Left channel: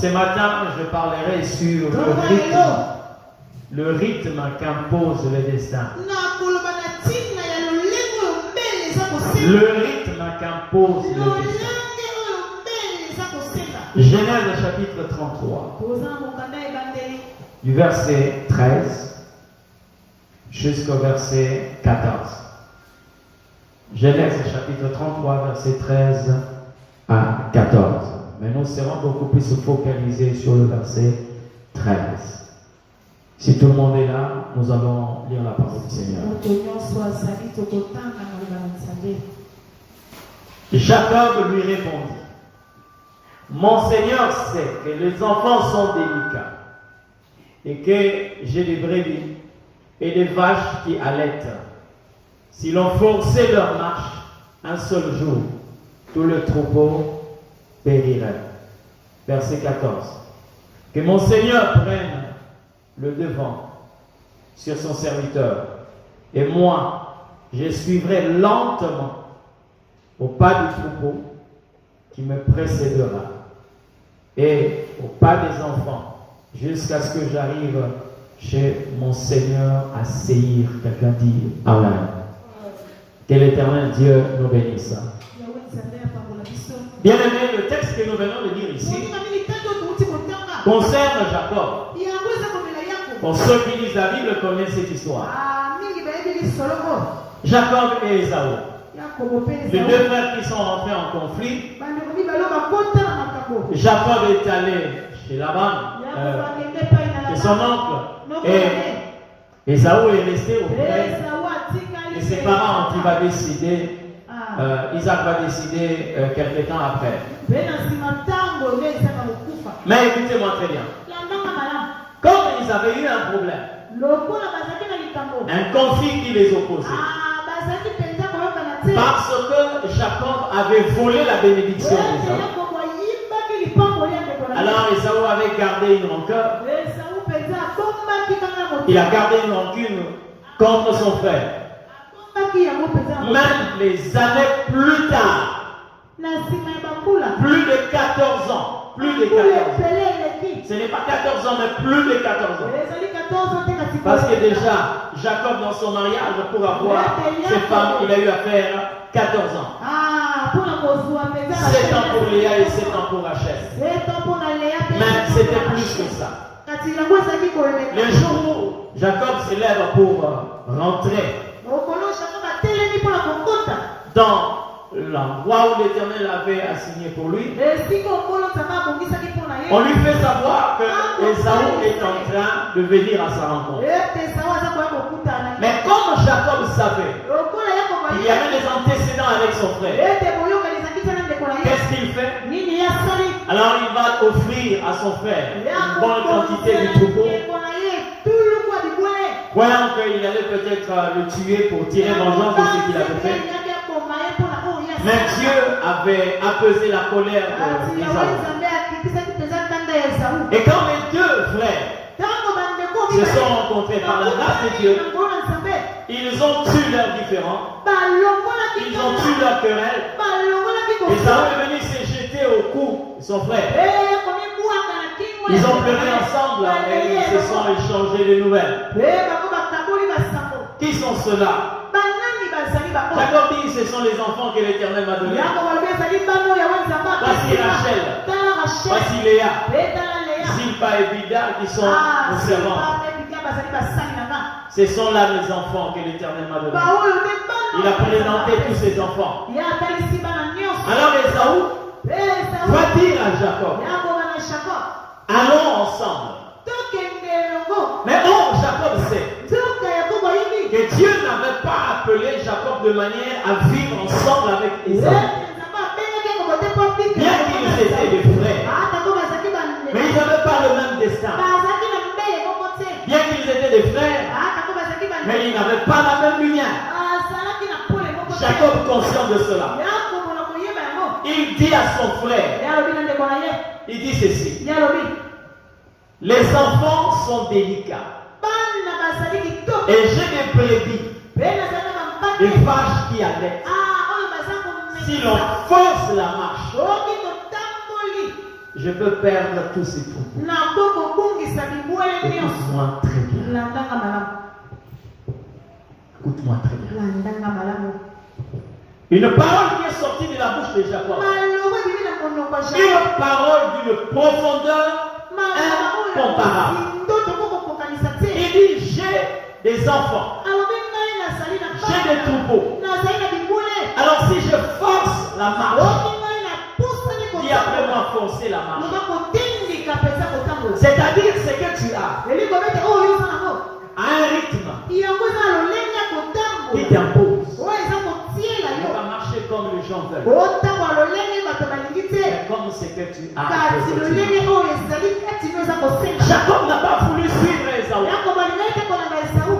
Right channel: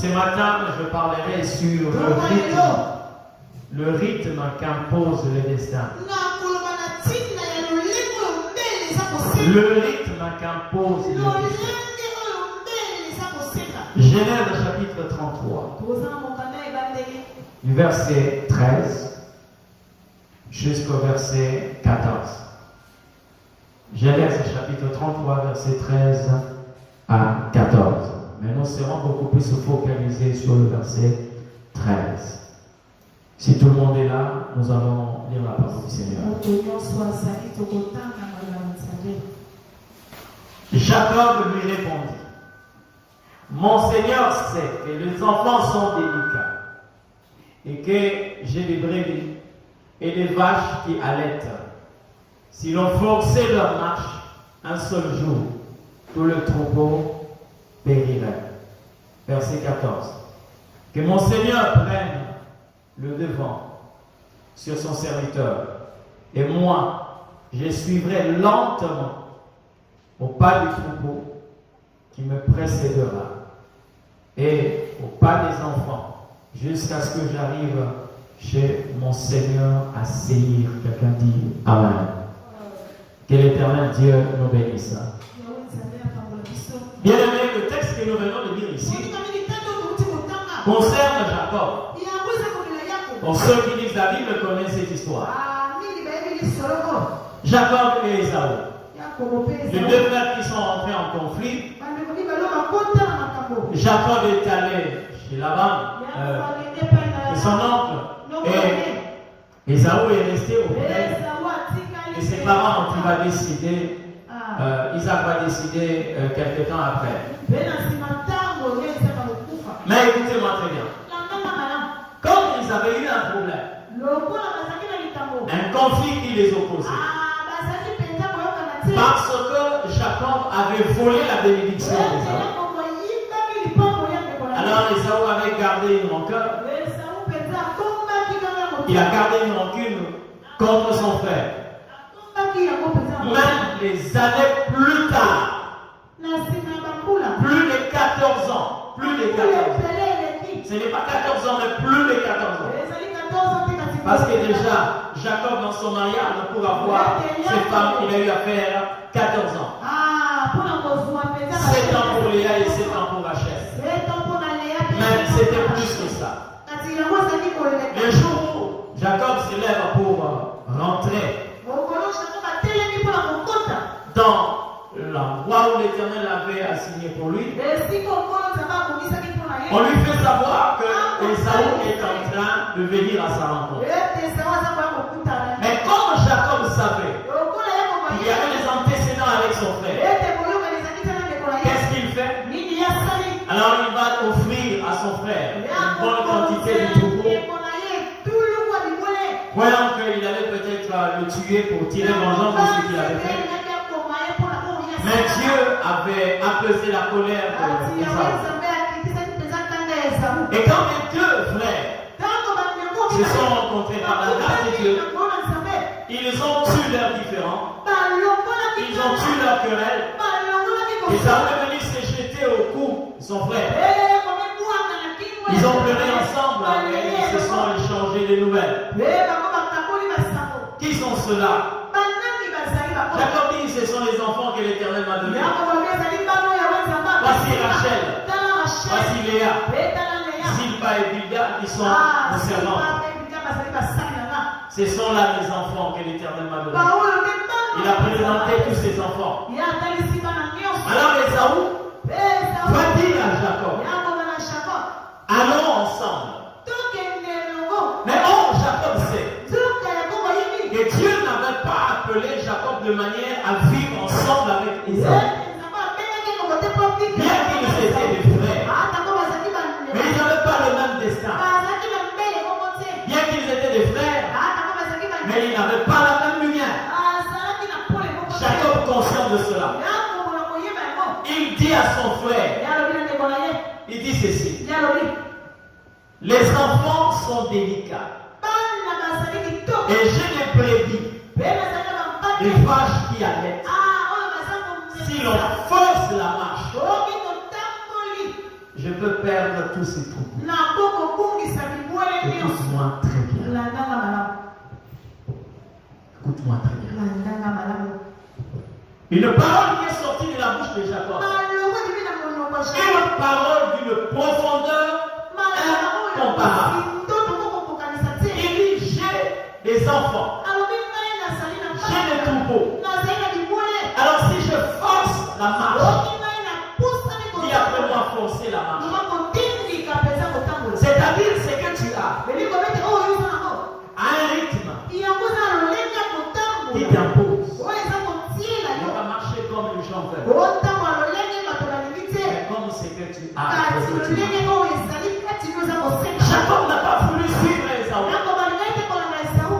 Ce matin, je parlerai sur le rythme qu'impose le destin. Le rythme qu'impose le destin. Genèse chapitre 33, du verset 13 jusqu'au verset 14. Genèse chapitre 33, verset 13 à 14. Mais nous serons beaucoup plus focalisés sur le verset 13. Si tout le monde est là, nous allons lire la parole du Seigneur. Jacob lui répondit: Mon Seigneur sait que les enfants sont délicats et que j'ai des brebis et des vaches qui allaitent. Si l'on forçait leur marche un seul jour, tout le troupeau périrait. Verset 14. Que mon Seigneur prenne le devant sur son serviteur, et moi, je suivrai lentement au pas du troupeau qui me précédera, et au pas des enfants, jusqu'à ce que j'arrive chez mon Seigneur à Séir. Quelqu'un dit Amen. Que l'Éternel Dieu nous bénisse. Bien aimé, le texte que nous venons de lire ici concerne Jacob. Pour ceux qui lisent la Bible connaissent cette histoire. Jacob et Ésaü, les deux frères qui sont rentrés en conflit. Jacob est allé chez Laban, c'est son oncle, et Ésaü est resté auprès de ses parents. Il va décider, Isaac va décider quelque temps après. Mais écoutez-moi très bien. Comme ils avaient eu un problème, un conflit qui les opposait, parce que Jacob avait volé la bénédiction d'Ésaü. Alors Ésaü avait gardé une rancœur. Il a gardé une rancune contre son frère. Même les années plus tard, plus de 14 ans, ce n'est pas 14 ans, mais plus de 14 ans. Parce que déjà, Jacob dans son mariage, pour avoir ses femmes, il a eu à faire 14 ans. 7 ans pour Léa et 7 ans pour Rachel. Mais c'était plus que ça. Le jour où Jacob se lève pour rentrer dans l'endroit où l'Éternel avait assigné pour lui, on lui fait savoir que Ésaü est en train de venir à sa rencontre. Mais comme Jacob savait qu'il y avait des antécédents avec son frère, qu'est-ce qu'il fait? Alors il va offrir à son frère une bonne quantité de troupeau, croyant qu'il allait peut-être le tuer pour tirer vengeance de ce qu'il avait fait. Mais Dieu avait apaisé la colère d'Ésaü. Et quand les deux frères se sont rencontrés par la grâce de Dieu, ils ont tué leurs différends, ils ont tué leurs querelles, et ça est venu se jeter au cou de son frère. Ils ont pleuré ensemble et ils se sont échangés des nouvelles. Qui sont ceux-là? Jacob dit, ce sont les enfants que l'Éternel m'a donnés. Voici Rachel, voici Léa, Zilpa et Bilda qui sont nos servants. Ce sont là les enfants que l'Éternel m'a donnés. Il a présenté tous ses enfants. Alors Ésaü va dire à Jacob, allons ensemble. Mais Jacob sait que Dieu n'avait pas appelé Jacob de manière à vivre ensemble avec Ésaü. Bien qu'ils étaient des frères, mais ils n'avaient pas le même destin. Bien qu'ils étaient des frères, mais ils n'avaient pas la même lumière. Jacob, conscient de cela, il dit à son frère, il dit ceci: les enfants sont délicats et j'ai des brebis, des vaches qui allaitent. Si l'on force la marche, je peux perdre tous ces troupeaux. Écoute-moi très bien. Écoute-moi très bien. Une parole qui est sortie de la bouche de Jacob. Une parole d'une profondeur incomparable. Il dit, j'ai des enfants. J'ai des troupeaux. Alors si je force la marche, dis après moi forcer la marche. C'est-à-dire ce que tu as à un rythme qui t'impose. Tu vas marcher comme les gens veulent. Mais comme ce que tu as. Jacob n'a pas voulu suivre Esaü.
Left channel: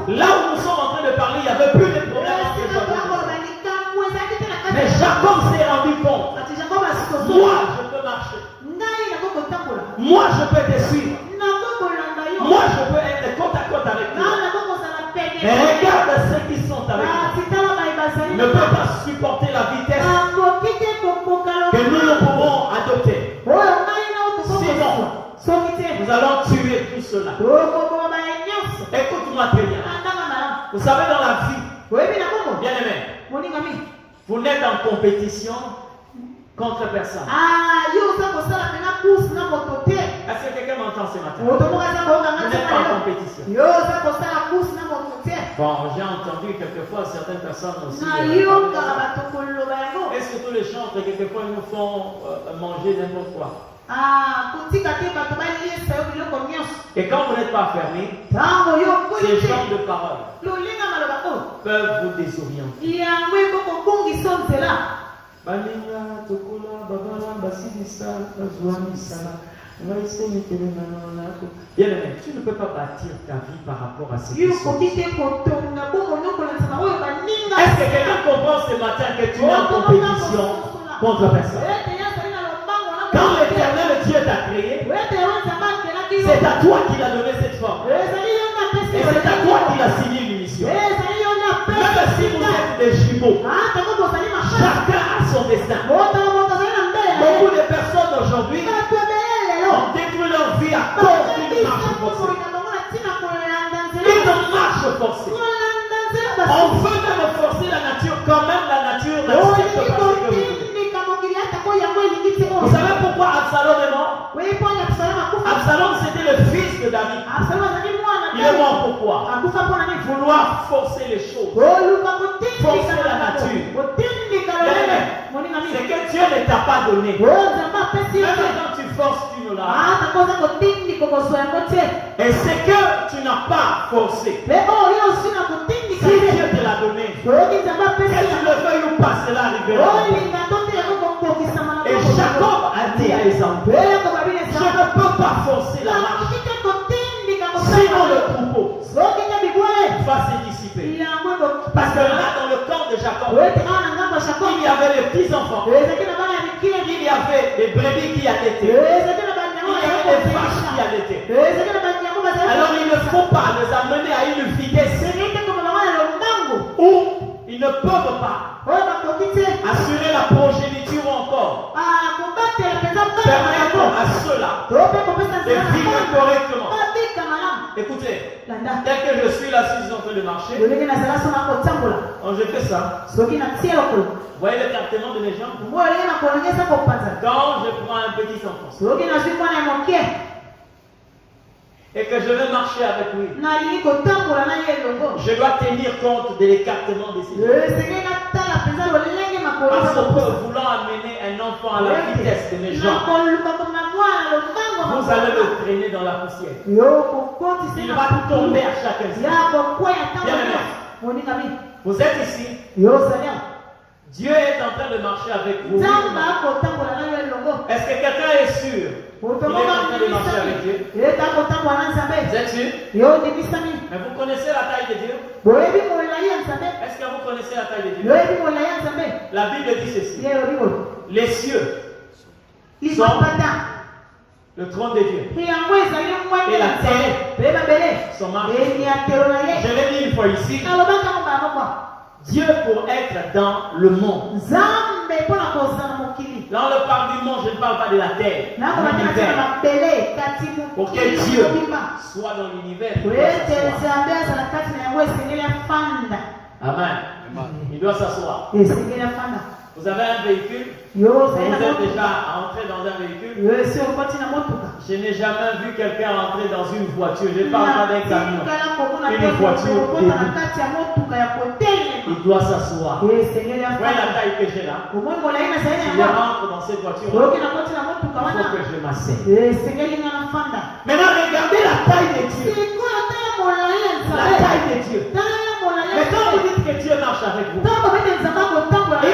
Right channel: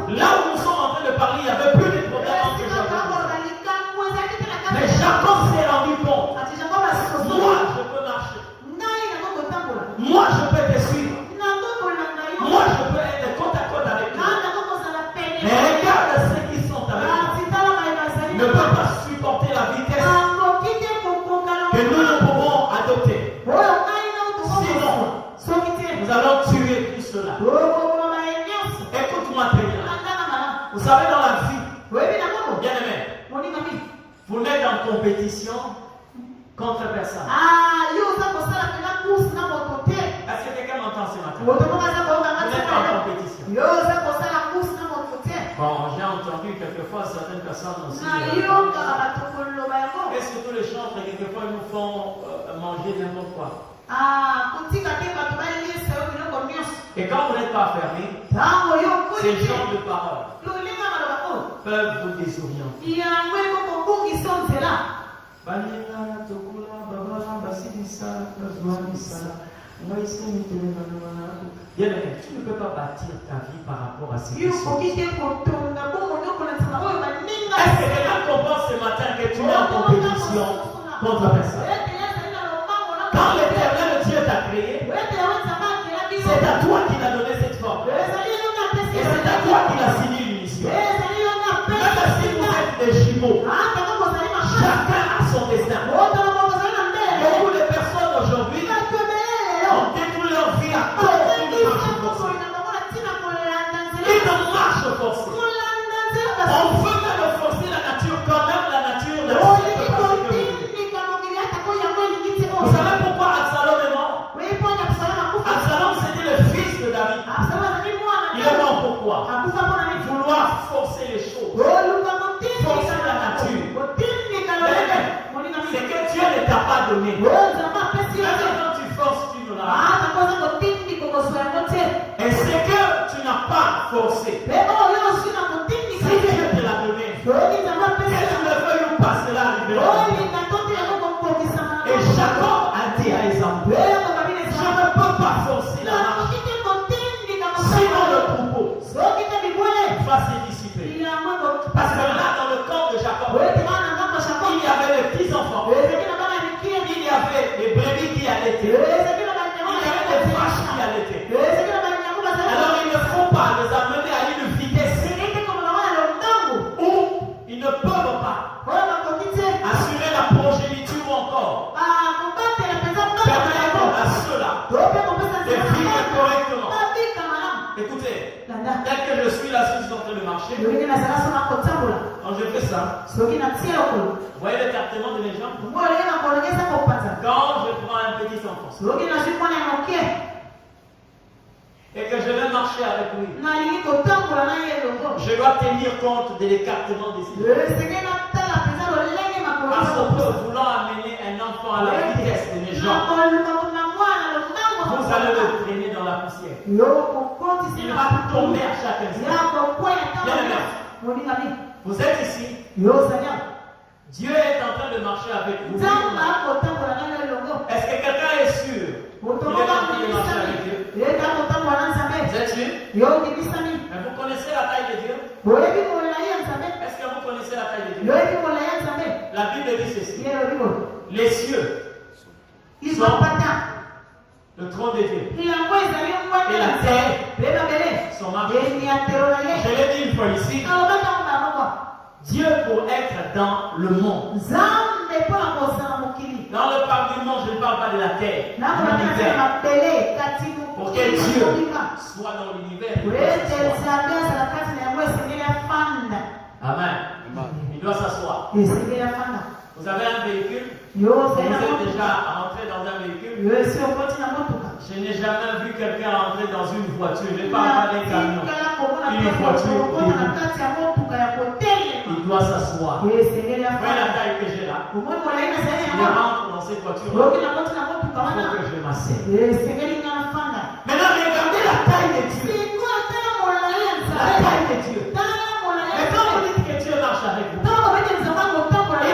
Là où nous sommes en train de parler, il n'y avait plus de problème entre Jacob. Mais Jacob s'est rendu compte. Moi, je peux marcher. Moi, je peux te suivre. Moi, je peux être côte à côte avec toi. Mais regarde ceux qui sont avec nous. Ne peuvent pas supporter la vitesse que nous pouvons adopter. Sinon, nous allons tuer tout cela. Écoute-moi très bien. Vous savez, dans la vie, bien aimé, vous n'êtes en compétition contre personne. Est-ce que quelqu'un m'entend ce matin? Vous n'êtes pas en compétition. Bon, j'ai entendu quelquefois certaines personnes aussi. Et surtout les chantres, quelquefois ils nous font manger n'importe quoi. Et quand vous n'êtes pas fermé, ces genres de paroles peuvent vous désorienter. Bien aimé, tu ne peux pas bâtir ta vie par rapport à ce qui sont. Est-ce que quelqu'un comprend ce matin que tu es en compétition contre personne? Quand l'Éternel Dieu t'a créé, c'est à toi qu'il a donné cette forme. Et c'est à toi qu'il a signé une mission. Même si vous êtes des jumeaux, chacun a son destin. Beaucoup de personnes aujourd'hui ont détruit leur vie à cause d'une marche forcée. Une marche forcée. On veut même forcer la nature, quand même la nature n'accepte pas ce que vous voulez. Vous savez pourquoi Absalom est mort? Absalom c'était le fils de David. Il est mort pourquoi? Vouloir forcer les choses. Forcer la nature. C'est que Dieu ne t'a pas donné. Même quand tu forces, tu ne l'as pas. Et c'est que tu n'as pas forcé. Si Dieu te l'a donné, que tu le veuilles ou pas, cela arrivera. Et Jacob a dit à Esaü, je ne peux pas forcer la marche. Sinon le troupeau va se dissiper. Parce que là, dans le camp de Jacob, il y avait les petits-enfants. Il y avait des brebis qui allaitaient. Il y avait des vaches qui allaitaient. Alors il ne faut pas les amener à une vitesse où ils ne peuvent pas assurer la progéniture encore. Permettre à ceux-là de vivre correctement. Écoutez, tel que je suis là, si je suis en train de marcher, donc je fais ça. Vous voyez l'écartement de mes jambes? Quand je prends un petit enfant et que je vais marcher avec lui, je dois tenir compte de l'écartement de ses jambes. Parce qu'on peut vouloir amener un enfant à la vitesse de mes jambes, vous allez le traîner dans la poussière. Il va tomber à chaque instant. Bien aimé, vous êtes ici. Dieu est en train de marcher avec vous. Est-ce que quelqu'un est sûr qu'il est en train de marcher avec Dieu? Vous êtes sûr? Mais vous connaissez la taille de Dieu? Est-ce que vous connaissez la taille de Dieu? La Bible dit ceci. Les cieux sont le trône de Dieu. Et la terre sont ma vie. Je l'ai dit une fois ici. Dieu pour être dans le monde Dans le parc du monde, je ne parle pas de la terre, l'univers. Pour que Dieu soit dans l'univers. Amen. Il doit s'asseoir. Vous avez un véhicule? Vous êtes déjà rentré dans un véhicule? Je n'ai jamais vu quelqu'un rentrer dans une voiture. Je ne parle pas d'un camion. Une voiture. Il doit s'asseoir. Voyez la taille que j'ai là. Si je rentre dans cette voiture, il faut que je m'asseye. Maintenant, regardez la taille de Dieu. La taille de Dieu. Mais quand vous dites que Dieu marche avec vous, il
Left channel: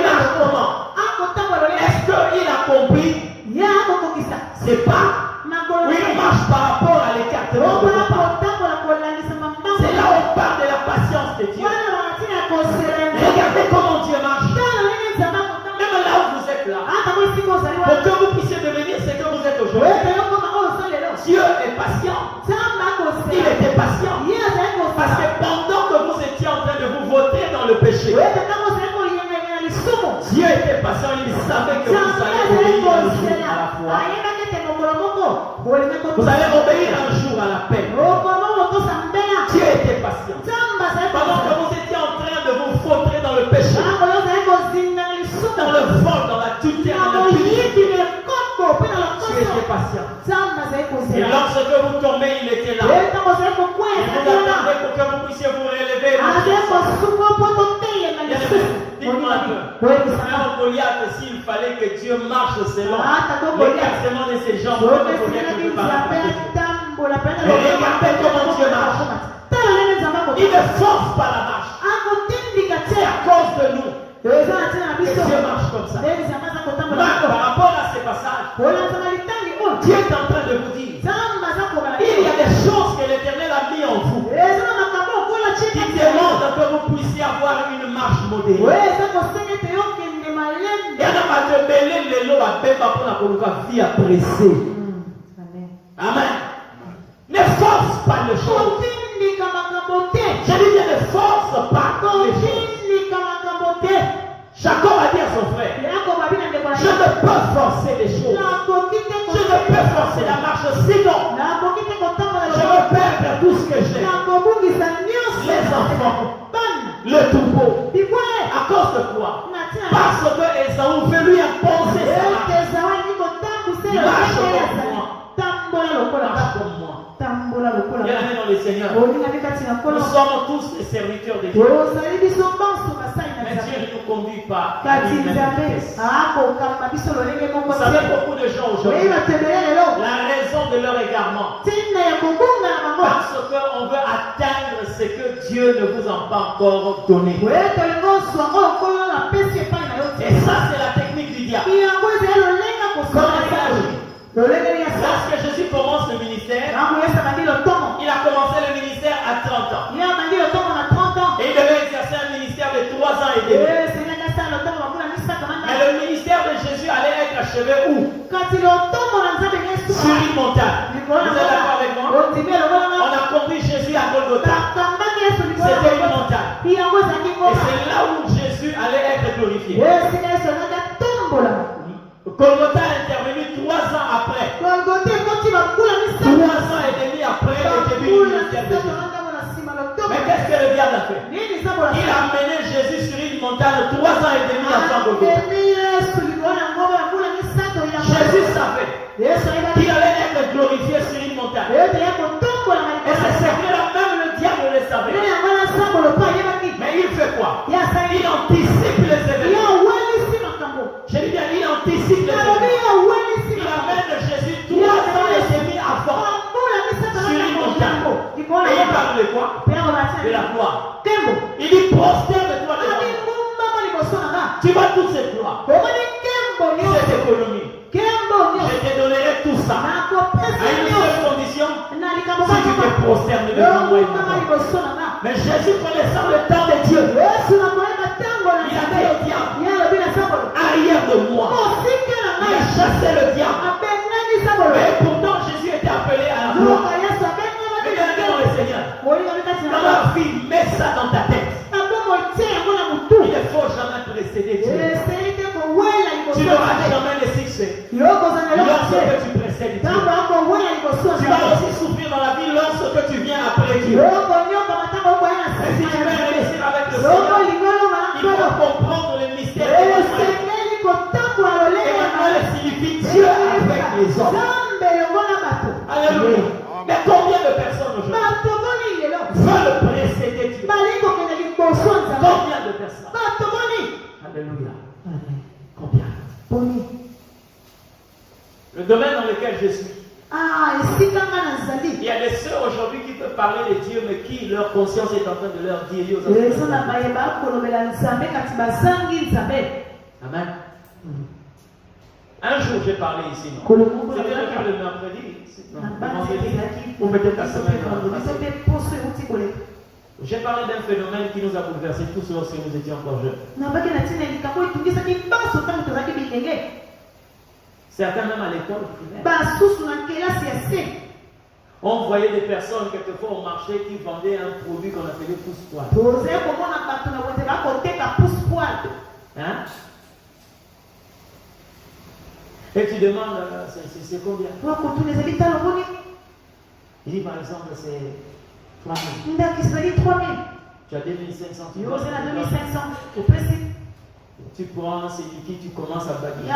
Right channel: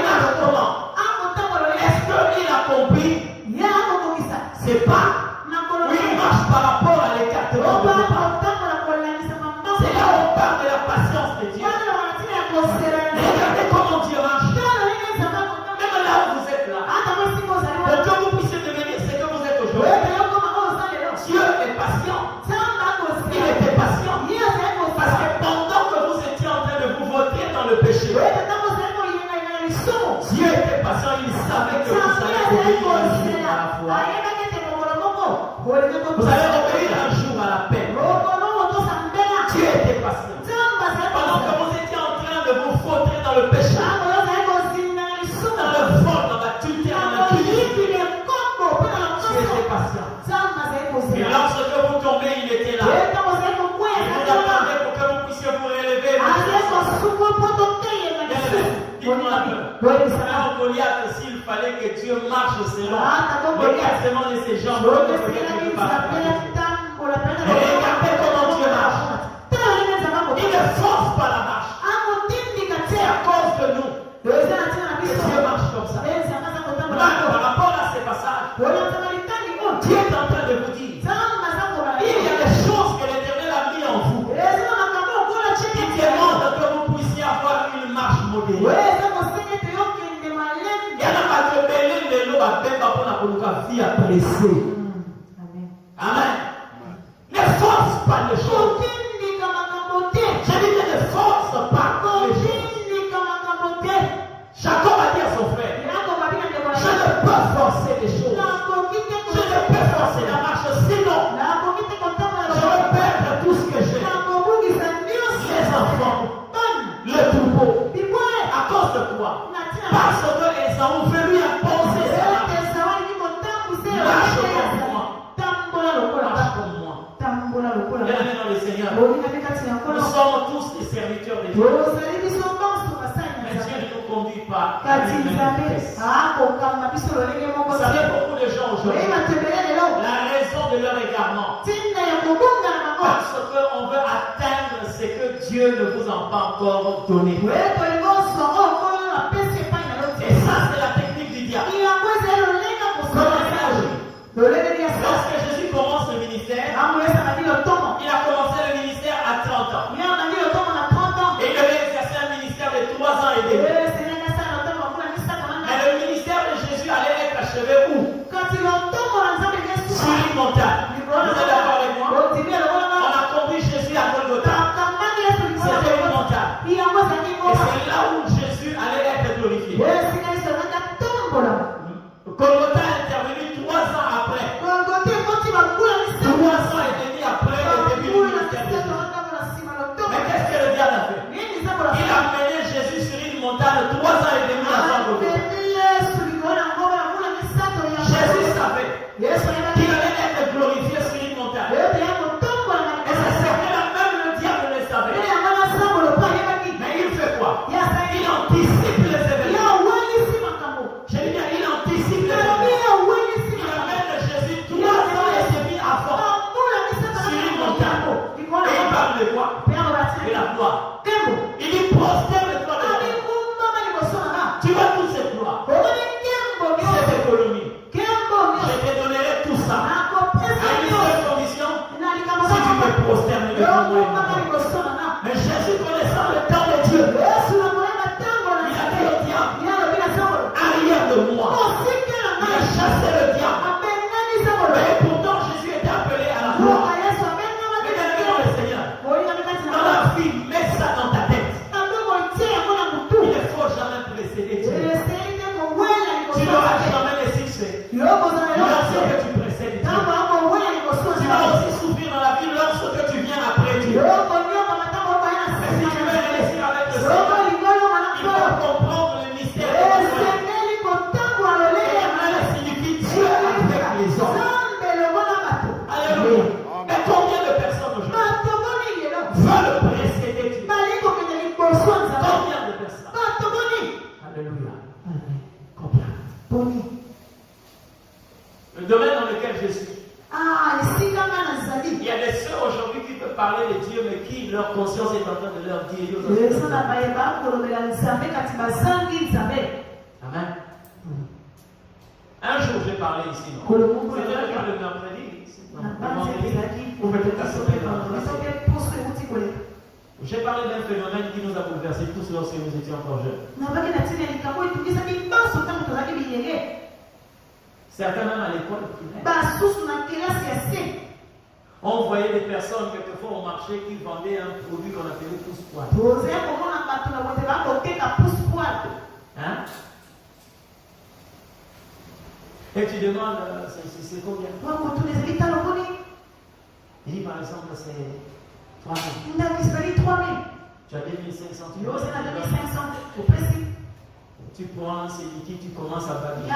marche comment? Est-ce qu'il a compris? C'est pas. Oui, il marche par rapport à l'écartement de vos pas. C'est là où on parle de la patience de Dieu. Regardez comment Dieu marche. Même là où vous êtes là. Pour que vous puissiez devenir ce que vous êtes aujourd'hui. Dieu est patient. Il était patient. Parce que pendant que vous étiez en train de vous voter dans le péché, Dieu était patient. Il savait que vous allez obéir un jour à la fois. Vous allez obéir un jour à la paix. Dieu était patient. Pendant que vous étiez en train de vous voter dans le péché, dans le vol, dans l'activité, dans le culte, Dieu était patient. Et lorsque vous tombez, il était là. Il vous attendait pour que vous puissiez vous relever. Dites-moi un peu. Frère Goliath, s'il fallait que Dieu marche selon l'écartement de ses jambes, Goliath ne peut pas faire. Et regardez comment Dieu marche. Il ne force pas la marche. C'est à cause de nous que Dieu marche comme ça. Donc, par rapport à ces passages, Dieu est en train de vous dire, il y a des choses que l'Éternel a mis en vous qui demandent que vous puissiez avoir une marche modérée. Il y en a qui mêlent les lots à Bemba pour la vie à presser. Amen. Ne force pas les choses. Je dis ne force pas les choses. Jacob a dit à son frère, je ne peux forcer les choses. Je ne peux forcer la marche, sinon je vais perdre tout ce que j'ai. Les enfants, le troupeau. À cause de quoi? Parce que Esaü veut lui imposer sa marche. Marche comme moi. Bien-aimés dans le Seigneur, nous sommes tous les serviteurs de Dieu. Mais Dieu ne nous conduit pas à lui-même. Vous savez, beaucoup de gens aujourd'hui, la raison de leur égarement, parce qu'on veut atteindre ce que Dieu ne vous a pas encore donné. Et ça, c'est la technique du diable. Lorsque Jésus commence le ministère, il a commencé le ministère à 30 ans. Et il devait exercer un ministère de 3 ans et demi. Mais le ministère de Jésus allait être achevé où? Sur une montagne. Vous êtes d'accord avec moi? On a conduit Jésus à Golgotha. C'était une montagne. Et c'est là où Jésus allait être glorifié. Golgotha est intervenu 3 ans après. 3 ans et demi après le début du ministère de Jésus. Mais qu'est-ce que le diable a fait? Il a mené Jésus sur une montagne 3 ans et demi avant Golgotha. Jésus savait qu'il allait être glorifié sur une montagne. Et c'est ce que même le diable le savait. Mais il fait quoi? Il anticipe les événements. Je dis bien, il anticipe les événements. Il amène Jésus 3 ans et demi avant sur une montagne. Et il parle de quoi? De la gloire. Il dit prosterne-toi devant moi. Tu vois toute cette gloire, cette économie. Je te donnerai tout ça à une seule condition, si tu te prosternes devant moi. Mais Jésus, connaissant le temps de Dieu, il a dit au diable, arrière de moi. Il a chassé le diable. Mais pourtant Jésus était appelé à la gloire. Mais bien aimé dans le Seigneur, dans la vie, mets ça dans ta tête. lorsque tu précèdes Dieu. Tu vas aussi souffrir dans la vie lorsque tu viens après Dieu. Et si tu veux réussir avec le Seigneur, il faut comprendre les mystères de Dieu. Et il signifie Dieu avec les hommes. Alléluia. Mais combien de personnes aujourd'hui veulent précéder Dieu? Combien de personnes? Alléluia. Combien? Le domaine dans lequel je suis. Il y a des sœurs aujourd'hui qui peuvent parler de Dieu, mais qui leur conscience est en train de leur dire Amen. Un jour, j'ai parlé ici. C'était le jour de mercredi. Ou peut-être la semaine. J'ai parlé d'un phénomène qui nous a bouleversés tous lorsque nous étions encore jeunes. Certains même à l'école primaire. On voyait des personnes quelquefois au marché qui vendaient un produit qu'on appelait pousse-poil. Hein? Et tu demandes, c'est combien? Il dit par exemple, c'est 3 000. Tu as 2500. Tu prends ces liquides, tu commences à babiller.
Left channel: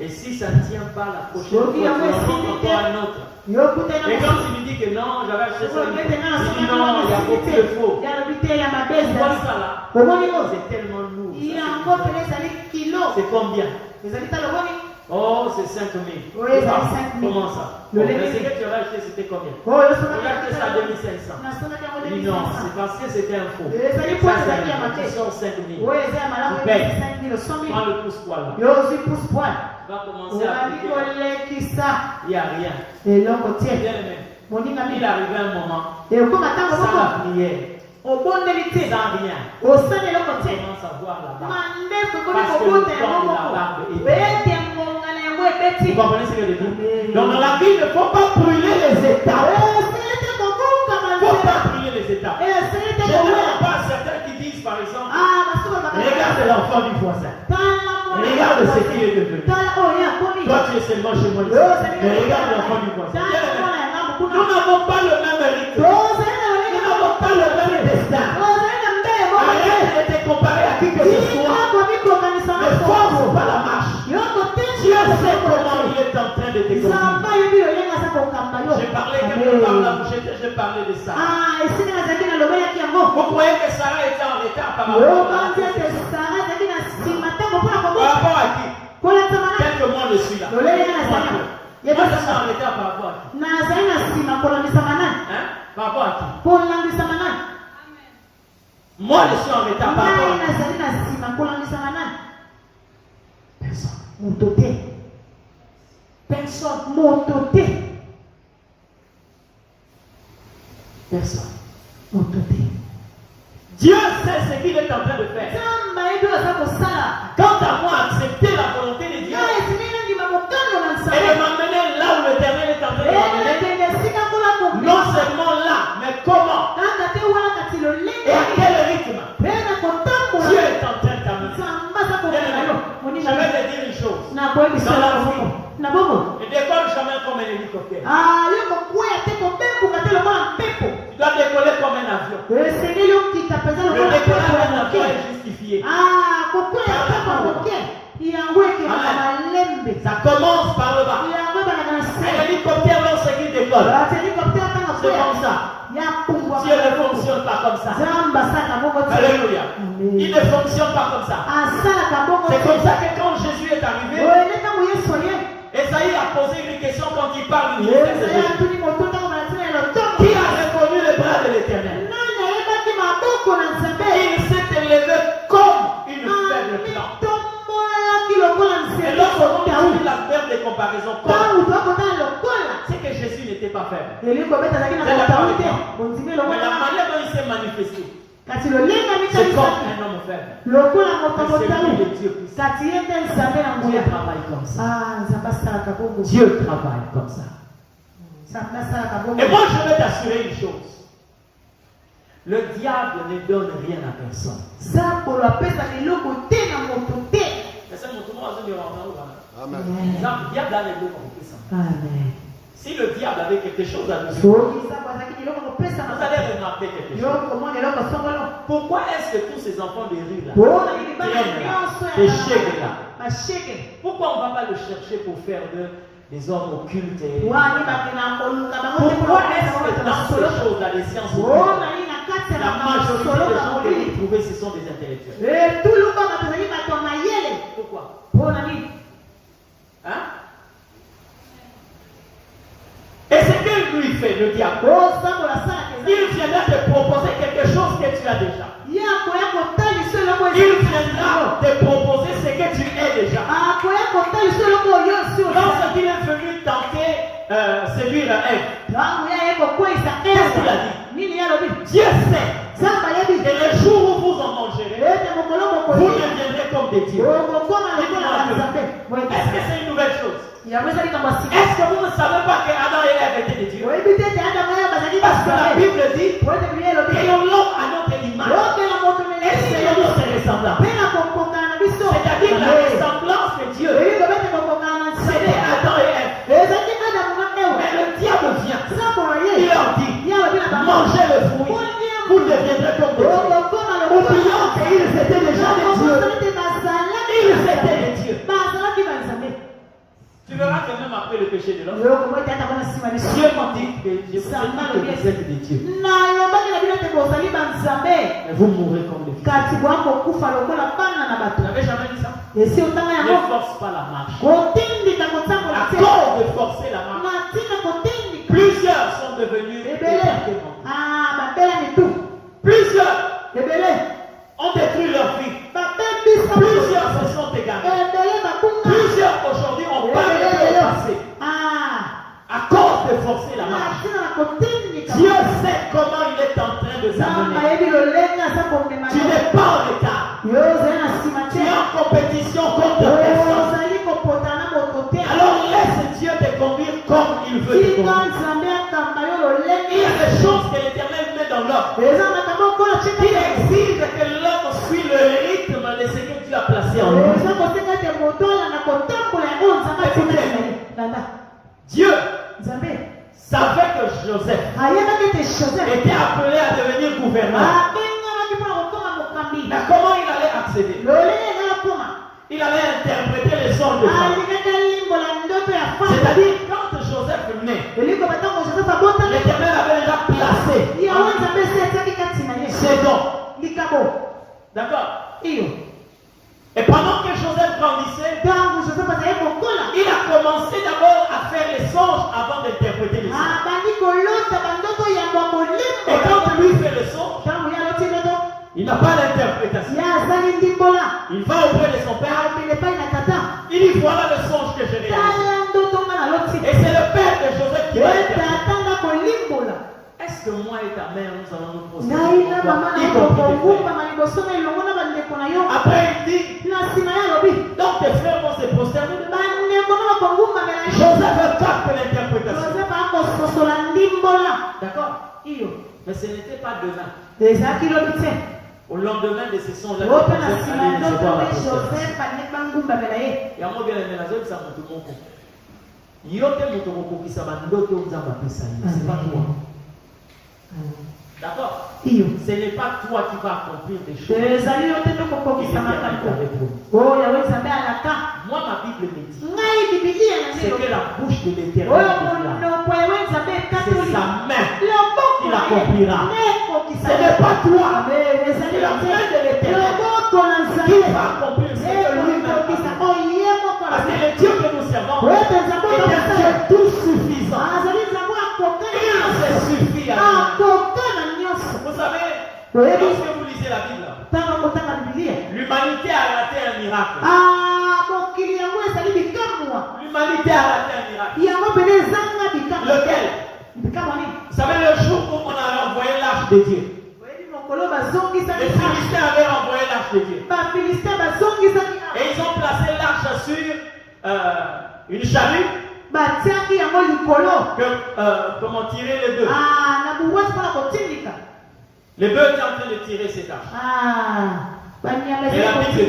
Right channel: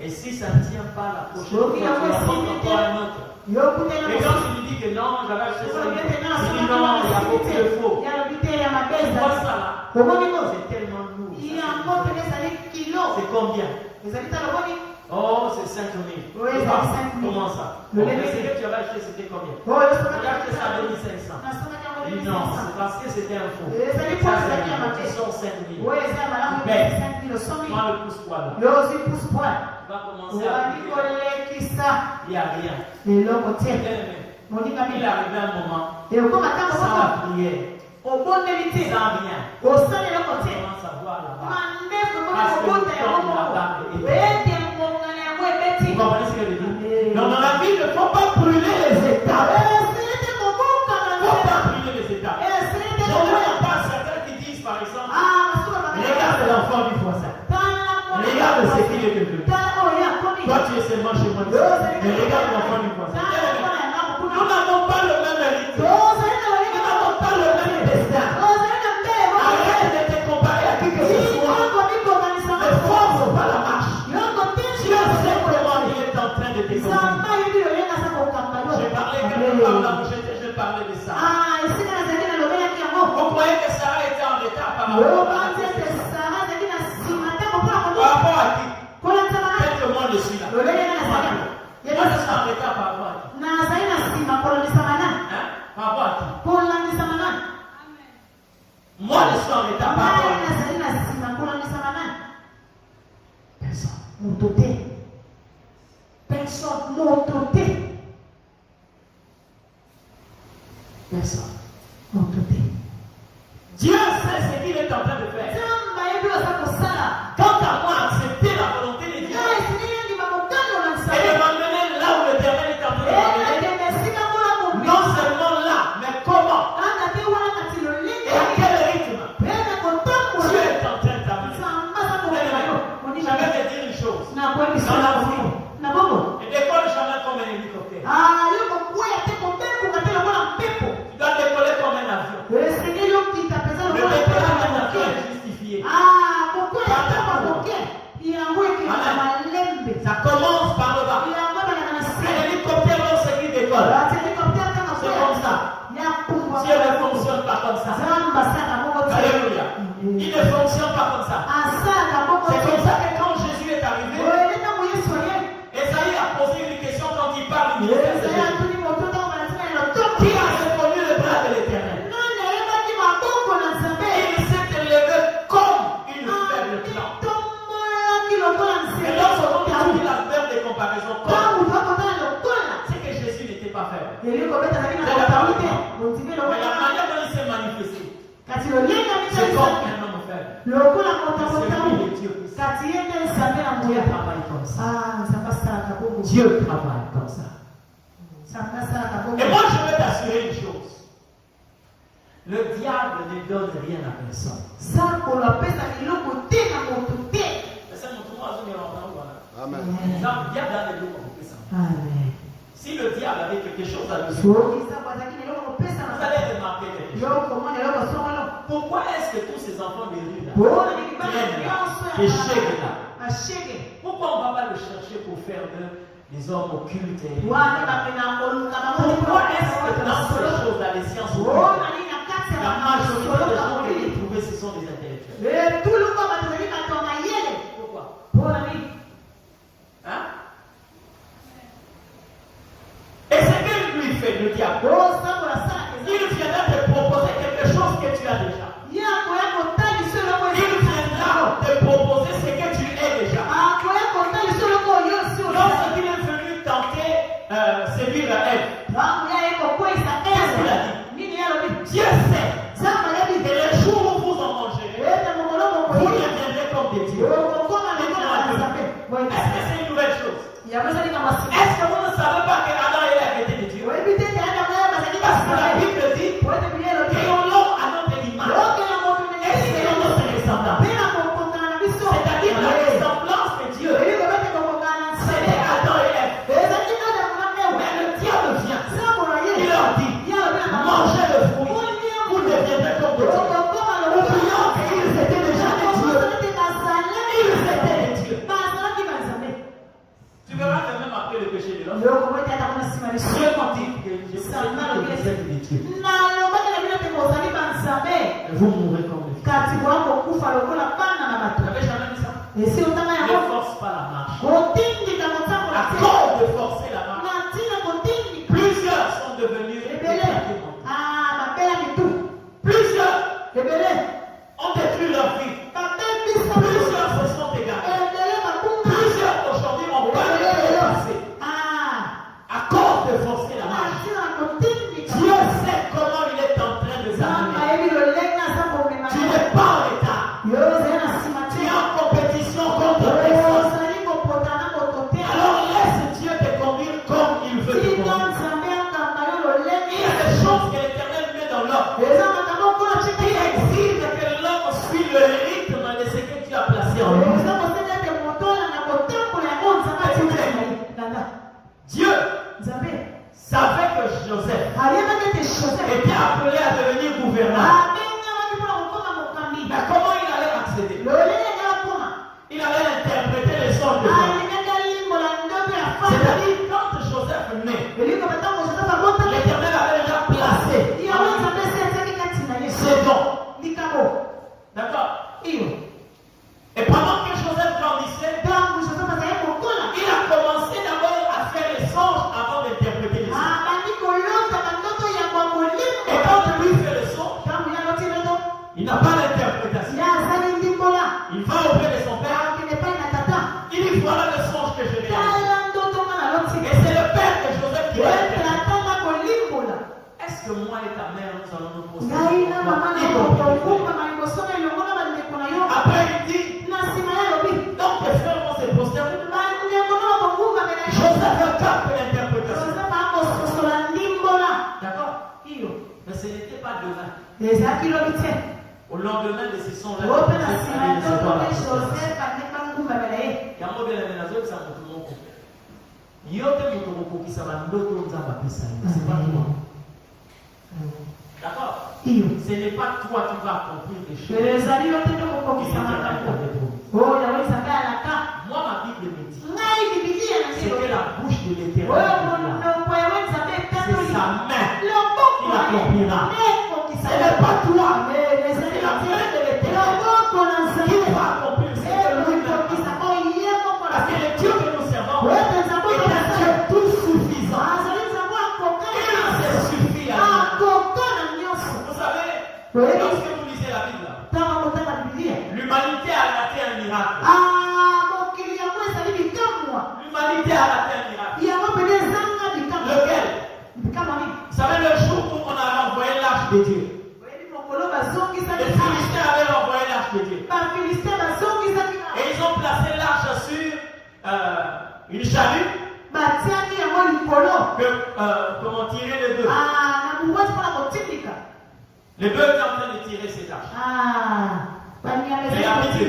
Et si ça ne tient pas la prochaine fois, tu vas prendre encore un autre. Et quand tu lui dis que non, j'avais acheté ça, il dit non, il y a beaucoup de faux. Pourquoi ça là? C'est tellement lourd. C'est combien? Oh, c'est 5 000. Oui, c'est 5 000. Comment ça? Le ce que tu avais acheté, c'était combien? Tu as acheté ça à 2500. Il dit non, c'est parce que c'était un faux. Tu sors 5 000. Tu payes. Prends le pouce-poil. Tu vas commencer à appliquer. Il n'y a rien. Il arrivait un moment. Sans la prière. Sans rien. On commence à voir la barbe. Parce que le temps de la barbe est. Vous comprenez ce que je dis? Donc dans la vie, il ne faut pas brûler les étapes. Il ne faut pas brûler les étapes. Je ne vois pas certains qui disent par exemple, regarde l'enfant du voisin. Regarde ce qu'il est devenu. Toi tu es seulement chez moi. Mais regarde l'enfant du voisin. Nous n'avons pas le même mérite. Nous n'avons pas le même destin. Arrête de te comparer à qui que ce soit. Ne force pas la marche. Dieu sait comment il est en train de te conduire. J'ai parlé par la bouchette, j'ai parlé de ça. Vous croyez que Sarah était en retard par rapport à qui? Quelques mois je suis là. Moi je suis en retard par rapport à qui? Par rapport à qui? Moi je suis en retard par rapport à qui? Personne. Dieu sait ce qu'il est en train de faire. Quant à moi, accepter la volonté de Dieu et de m'amener là où l'Éternel est en train de m'amener. Non seulement là, mais comment? Et à quel rythme? Dieu est en train d'amener. Je vais te dire une chose. Dans la vie, ne décolle jamais comme un hélicoptère. Tu dois décoller comme un avion. Le décollage d'un avion est justifié. Ça commence par le bas. Un hélicoptère, lorsqu'il décolle, c'est comme ça. Dieu ne fonctionne pas comme ça. Alléluia. Il ne fonctionne pas comme ça. C'est comme ça que quand Jésus est arrivé, Esaïe a posé une question quand il parle du ministère de Jésus. Qui a répondu le bras de l'Éternel? Et il s'est élevé comme une faible plante. Et lorsqu'on dit la faible de comparaison, c'est que Jésus n'était pas faible. C'est la vérité. Mais la manière dont il s'est manifesté, c'est comme un homme faible. C'est lui le Dieu puissant. Dieu travaille comme ça. Dieu travaille comme ça. Et moi je vais t'assurer une chose. Le diable ne donne rien à personne. diable a les deux compris ça. Amen. Si le diable avait quelque chose à nous dire, vous allez remarquer quelque chose. Pourquoi est-ce que tous ces enfants de rue là traînent là, des chèques là? Pourquoi on ne va pas le chercher pour faire des hommes occultes pourquoi est-ce que dans ces choses-là, les sciences occultes, la majorité des gens que vous trouvez, ce sont des intellectuels? Pourquoi? Hein? Et ce que lui fait, le diable, il viendra te proposer quelque chose que tu as déjà. Il viendra te proposer ce que tu es déjà. Lorsqu'il est venu tenter séduire Ève, qu'est-ce qu'il a dit? Dieu sait que le jour où vous en mangerez, vous deviendrez comme des dieux. Est-ce que c'est une nouvelle chose? Est-ce que vous ne savez pas que Adam et Ève étaient des dieux? Parce que la Bible dit que l'on a notre image. Et c'est notre ressemblance. C'est-à-dire la ressemblance de Dieu. C'est les Adam et Ève. Mais le diable vient. Il leur dit, mangez le fruit. Vous deviendrez comme des dieux. Oublions qu'ils étaient déjà des dieux. Ils étaient des dieux. Tu verras que même après le péché de l'homme, Dieu m'a dit que je vous ai dit que vous êtes des dieux. Et vous mourrez comme les fils. Vous n'avez jamais dit ça? Ne force pas la marche. À cause de forcer la marche, plusieurs sont devenus plusieurs ont détruit leur vie. Plusieurs se sont égarés. Plusieurs aujourd'hui ont perdu le passé. À cause de forcer la marche. Dieu sait comment il est en train de s'amener. Tu n'es pas en retard. Tu es en compétition contre personne. Alors laisse Dieu te conduire comme il veut te conduire. Il y a des choses que l'Éternel met dans l'homme. Il exige que l'homme suive le rythme de ce que Dieu a placé en lui. Dieu savait que Joseph était appelé à devenir gouverneur. Mais comment il allait accéder? Il allait interpréter les songes de Dieu. C'est-à-dire, quand Joseph naît, l'Éternel avait déjà placé ses dons. D'accord? Et pendant que Joseph grandissait, il a commencé d'abord à faire les songes avant d'interpréter les songes. Et quand lui fait le songe, il n'a pas d'interprétation. Il va auprès de son père. Il dit voilà le songe que je réalise. Et c'est le père de Joseph qui va interpréter. Est-ce que moi et ta mère nous allons nous poser? Après il dit donc tes frères vont se prosterner. Joseph capte l'interprétation. D'accord? Mais ce n'était pas demain. Au lendemain de ces songes-là, c'est pas toi. D'accord? Ce n'est pas toi qui vas accomplir des choses. Moi, ma Bible me dit c'est que la bouche de l'Éternel, c'est sa main qui l'accomplira. Ce n'est pas toi, c'est la main de l'Éternel qui va accomplir ce que lui-même. Parce que le Dieu que nous servons est un Dieu tout suffisant. Il se suffit à nous. Vous savez, lorsque vous lisez la Bible, l'humanité a raté un miracle. L'humanité a raté un miracle. Lequel? Vous savez, le jour où on a envoyé l'arche de Dieu, les Philistins avaient envoyé l'arche de Dieu. Et ils ont placé l'arche sur une chalupe. Comment tirer les deux? Les bœufs étaient en train de tirer cette arche. Et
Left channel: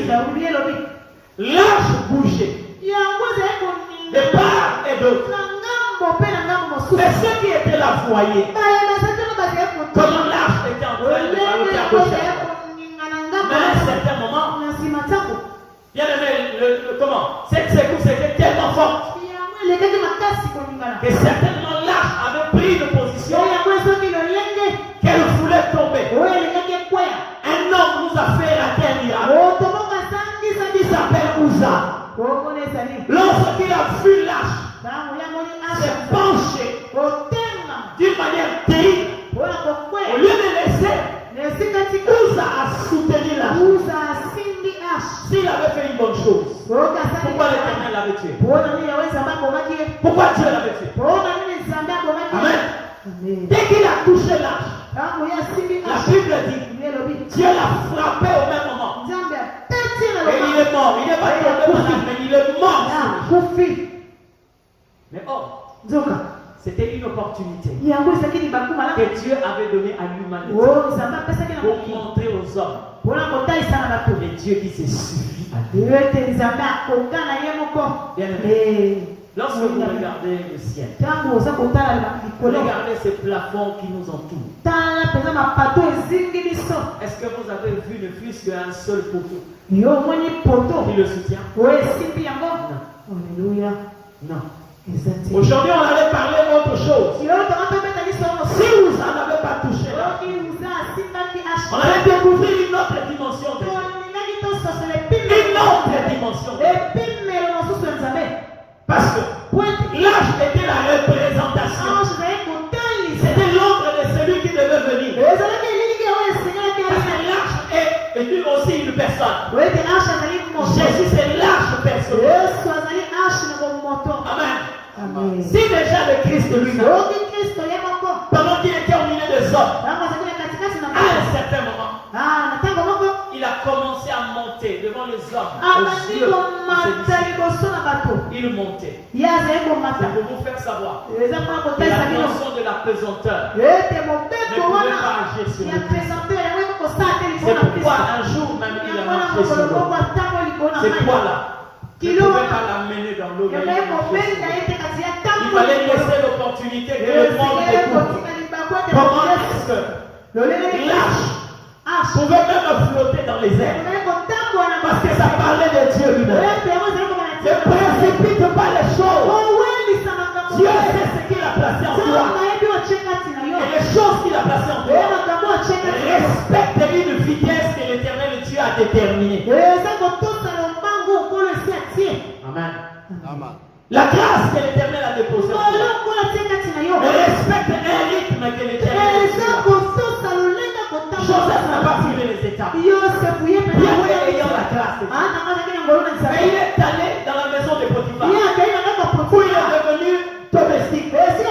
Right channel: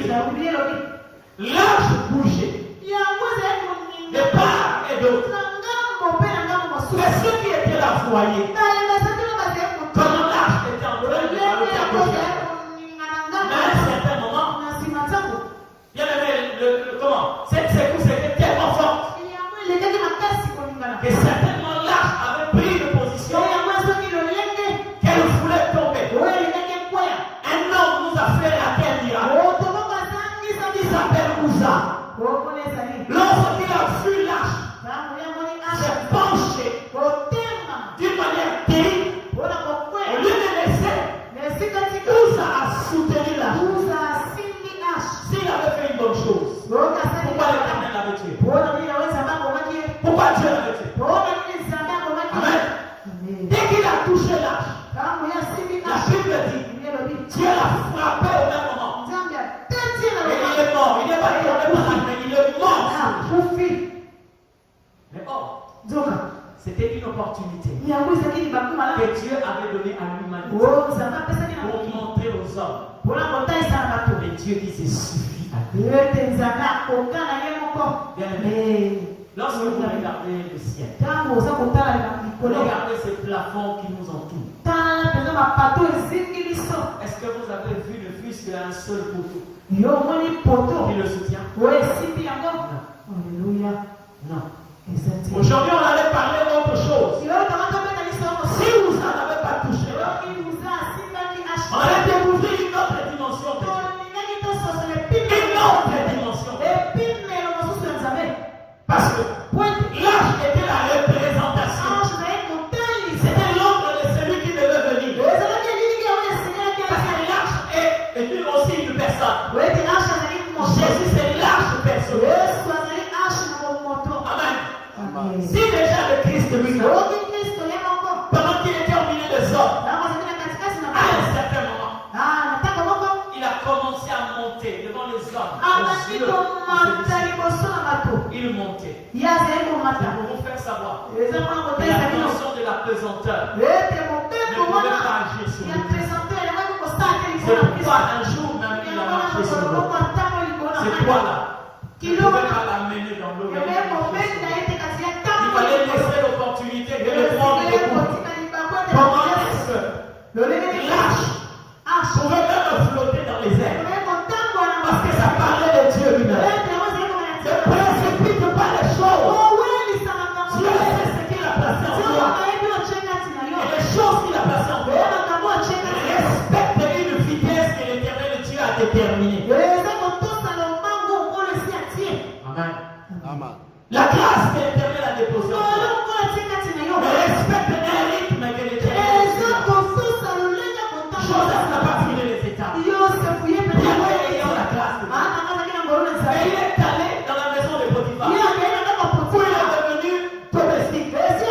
la Bible dit, l'arche bougeait. de part et d'autre. Mais ceux qui étaient là voyaient comment l'arche était en train de faire le cœur. Mais à un certain moment, bien aimé, comment cette secousse était tellement forte que certainement l'arche avait pris une position qu'elle voulait tomber. Un homme nous a fait la terre miracle. Il s'appelle Uza. Lorsqu'il a vu l'arche s'est penché d'une manière terrible, au lieu de laisser Uza a soutenu l'arche. S'il avait fait une bonne chose, pourquoi l'Éternel l'avait tué? Pourquoi Dieu l'avait tué? Amen. Dès qu'il a touché l'arche, la Bible dit Dieu l'a frappé au même moment. Et il est mort. Il n'est pas tombé malade, mais il est mort. Mais or, c'était une opportunité que Dieu avait donnée à l'humanité pour montrer aux hommes. Et Dieu dit c'est suffit à Dieu. Bien aimé, lorsque vous regardez le ciel, regardez ces plafonds qui nous entourent. Est-ce que vous avez vu ne fût-ce qu'un seul poteau qui le soutient? Non. Aujourd'hui, on allait parler d'autre chose. Si vous n'en avez pas touché là, on allait découvrir une autre dimension. Une autre dimension. Parce que l'arche était la représentation. C'était l'ombre de celui qui devait venir. Parce que l'arche est aussi une personne. Jésus, c'est l'arche personnelle. Amen. Si déjà le Christ lui-même, pendant qu'il était au milieu des hommes, à un certain moment, il a commencé à monter devant les hommes. Il montait. C'est pour vous faire savoir que la notion de la pesanteur ne pouvait pas agir sur lui. C'est pourquoi un jour même il a marché sur l'eau. C'est quoi là? Il ne pouvait pas l'amener dans l'eau. Il fallait laisser l'opportunité de le prendre des coups. Comment est-ce que l'arche pouvait même flotter dans les airs? Parce que ça parlait de Dieu lui-même. Ne précipite pas les choses. Dieu sait ce qu'il a placé en toi. Et les choses qu'il a placées en toi, respecte une vitesse que l'Éternel Dieu a déterminée. Amen. La grâce que l'Éternel a déposée en toi, respecte un rythme que l'Éternel a déposé. Joseph n'a pas filé les étapes. Dieu ayant la grâce de Dieu. Et il est allé dans la maison de Potiphar. Où il est devenu domestique. Est-ce que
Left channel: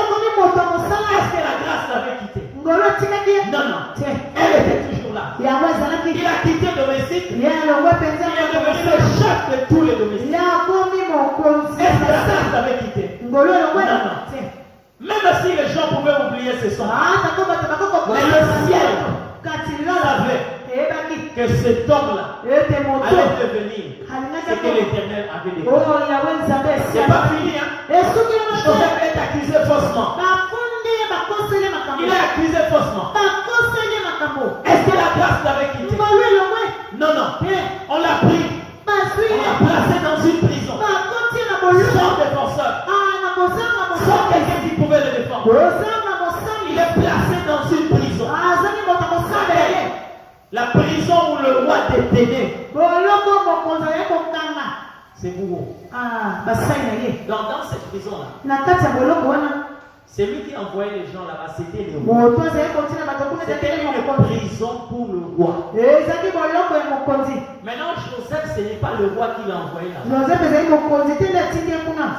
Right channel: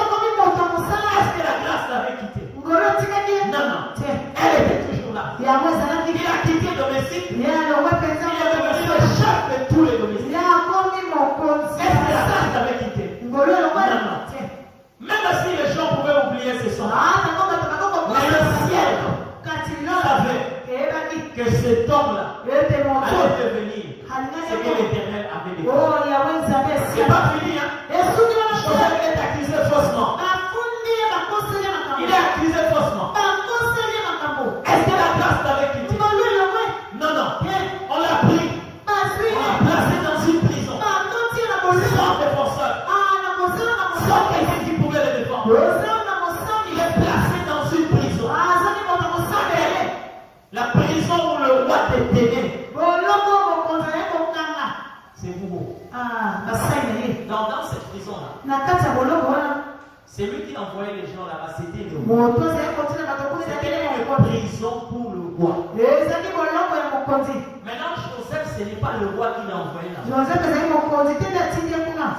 la grâce l'avait quitté? Non. Elle était toujours là. Il a quitté domestique. Il est devenu le chef de tous les domestiques. Est-ce que la grâce l'avait quitté? Non. Même si les gens pouvaient oublier ce son, mais le ciel savait que cet homme-là allait devenir ce que l'Éternel avait déclaré. C'est pas fini, hein? Joseph est accusé faussement. Il est accusé faussement. Est-ce que la grâce l'avait quitté? Non. On l'a pris. On l'a placé dans une prison. Sans défenseur. Sans quelqu'un qui pouvait le défendre. Il est placé dans une prison. La prison où le roi détenait. C'est vous. Dans cette prison-là, c'est lui qui envoyait les gens là-bas. C'était le roi. C'était une prison pour le roi. Maintenant, Joseph, ce n'est pas le roi qui l'a envoyé là-bas.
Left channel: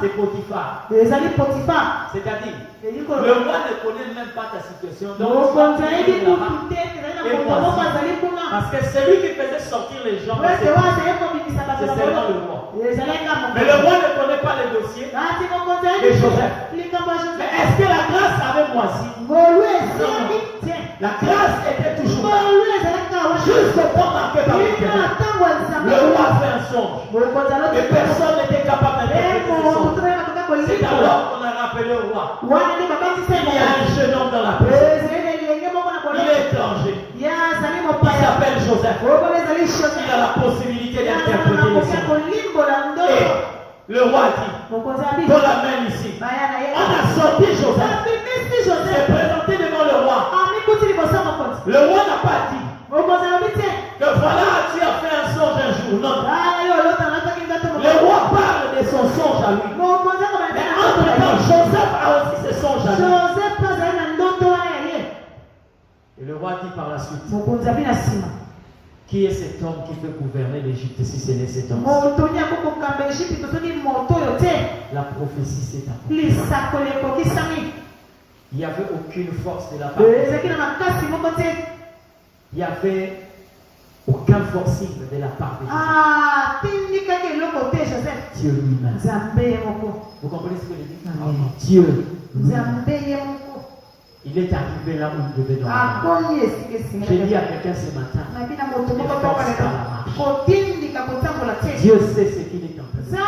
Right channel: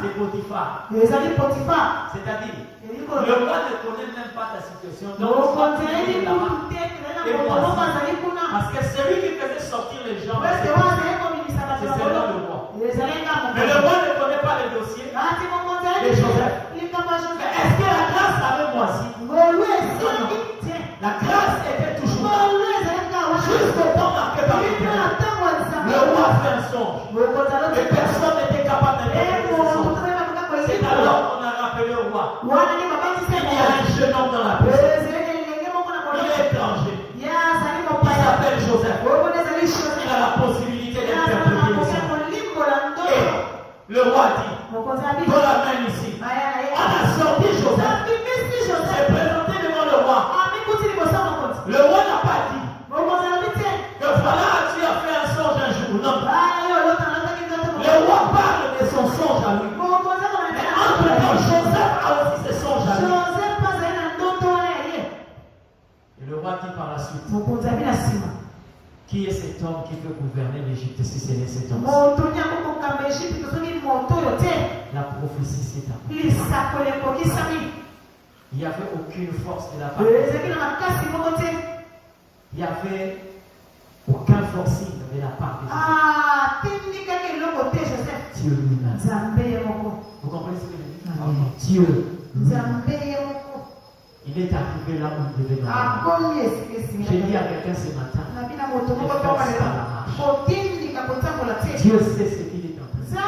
C'est Potiphar. C'est-à-dire, le roi ne connaît même pas ta situation. Donc, parce que celui qui faisait sortir les gens, c'est seulement le roi. Mais le roi ne connaît pas les dossiers de Joseph. Mais est-ce que la grâce avait moisi? La grâce était toujours là. Jusqu'au temps marqué par l'Éternel. Le roi a fait un songe. Et personne n'était capable d'interpréter ce songe. Alors on a rappelé au roi. Il y a un jeune homme dans la prison. Il est étranger. Il s'appelle Joseph. Il a la possibilité d'interpréter les sons. Et le roi dit, dans la main ici, on a sorti Joseph. C'est présenté devant le roi. Le roi n'a pas dit que voilà, tu as fait un songe un jour. Non. Le roi parle de son songe à lui. Mais entre-temps, Joseph a aussi ses songes à lui. Et le roi dit par la suite, qui est cet homme qui peut gouverner l'Égypte si ce n'est cet homme? La prophétie s'est accomplie. Il n'y avait aucune force de la part de Dieu. Il n'y avait aucun forcing de la part de Joseph. Dieu lui-même. Vous comprenez ce que je dis? Dieu. Il est arrivé là où il devait dormir. J'ai dit à quelqu'un ce matin, ne force pas la marche. Dieu sait ce qu'il est en train de faire.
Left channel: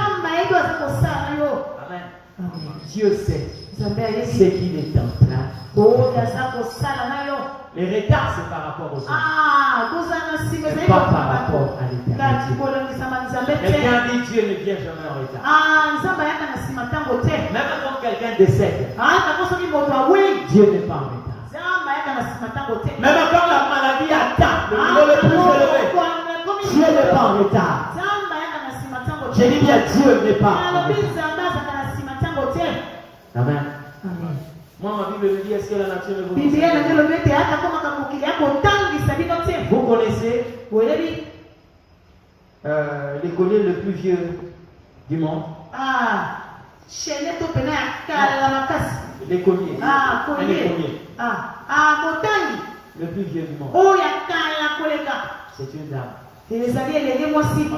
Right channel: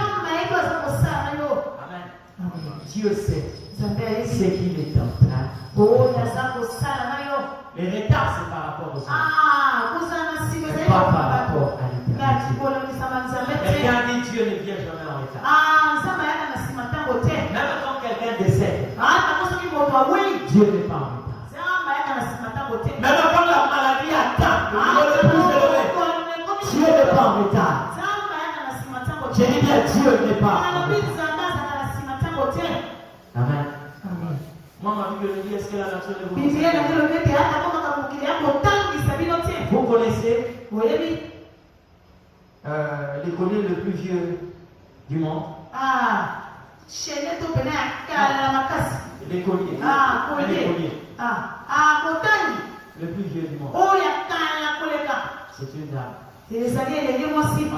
Amen. Dieu sait ce qu'il est en train de faire. Les retards, c'est par rapport aux hommes. C'est pas par rapport à l'éternité. Quelqu'un dit Dieu ne vient jamais en retard. Même quand quelqu'un décède, Dieu n'est pas en retard. Même quand la maladie atteint le niveau le plus élevé, Dieu n'est pas en retard. J'ai dit bien Dieu n'est pas en retard. Amen. Moi, ma Bible me dit, est-ce que la nature ne vous connaissez l'écolier le plus vieux du monde? L'écolier. Le plus vieux du monde. C'est une dame. On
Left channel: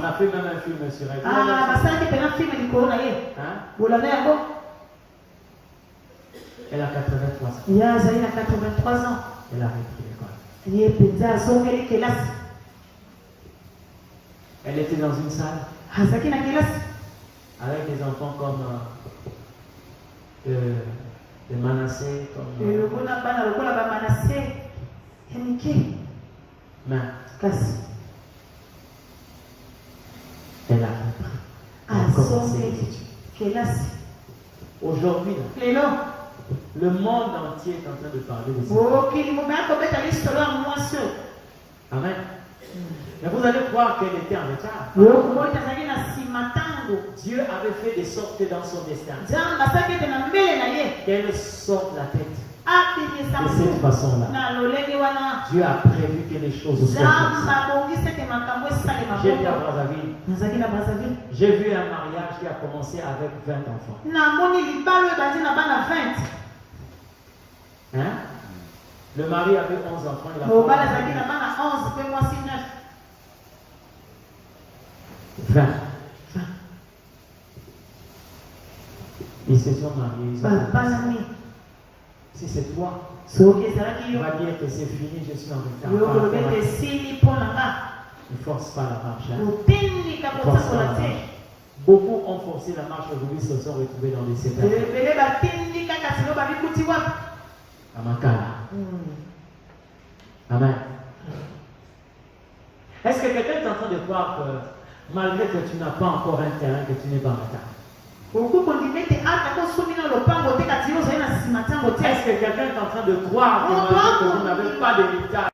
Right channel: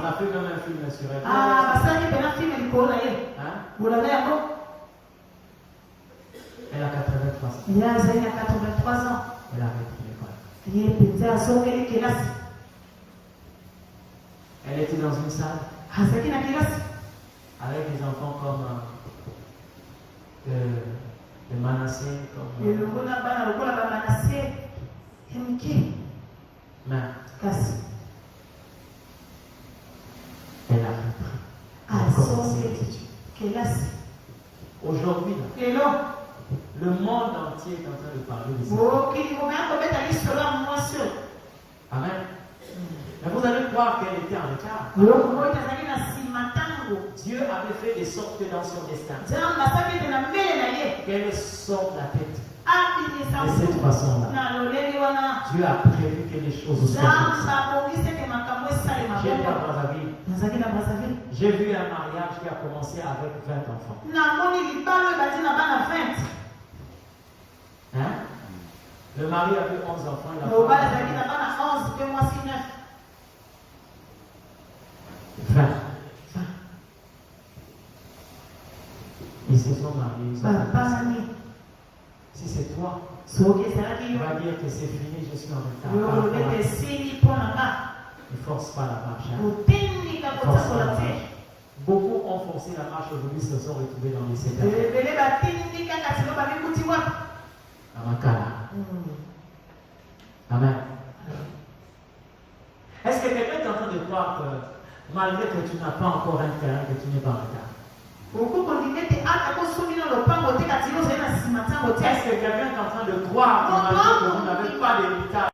a fait même un film sur elle. Elle a 83 ans. Elle a repris l'école. Elle était dans une salle avec des enfants comme de Manassé, comme mais elle a repris. Aujourd'hui, le monde entier est en train de parler de ça. Amen. Mais vous allez croire qu'elle était en retard. Dieu avait fait des sortes dans son destin qu'elle sorte la tête de cette façon-là. Dieu a prévu que les choses soient comme ça. J'étais à Brazzaville. J'ai vu un mariage qui a commencé avec 20 enfants. Hein? Le mari avait 11 enfants. Il a 20. Ils se sont mariés. Si c'est toi, tu vas dire que c'est fini, je suis en retard. Ne force pas la marche. Hein? Force pas la marche. Beaucoup ont forcé la marche aujourd'hui, se sont retrouvés dans les séquelles. Amen. Est-ce que quelqu'un est en train de croire que malgré que tu n'as pas encore un terrain, que tu n'es pas en retard? Est-ce que quelqu'un est en train de croire que malgré que vous n'avez pas de retard?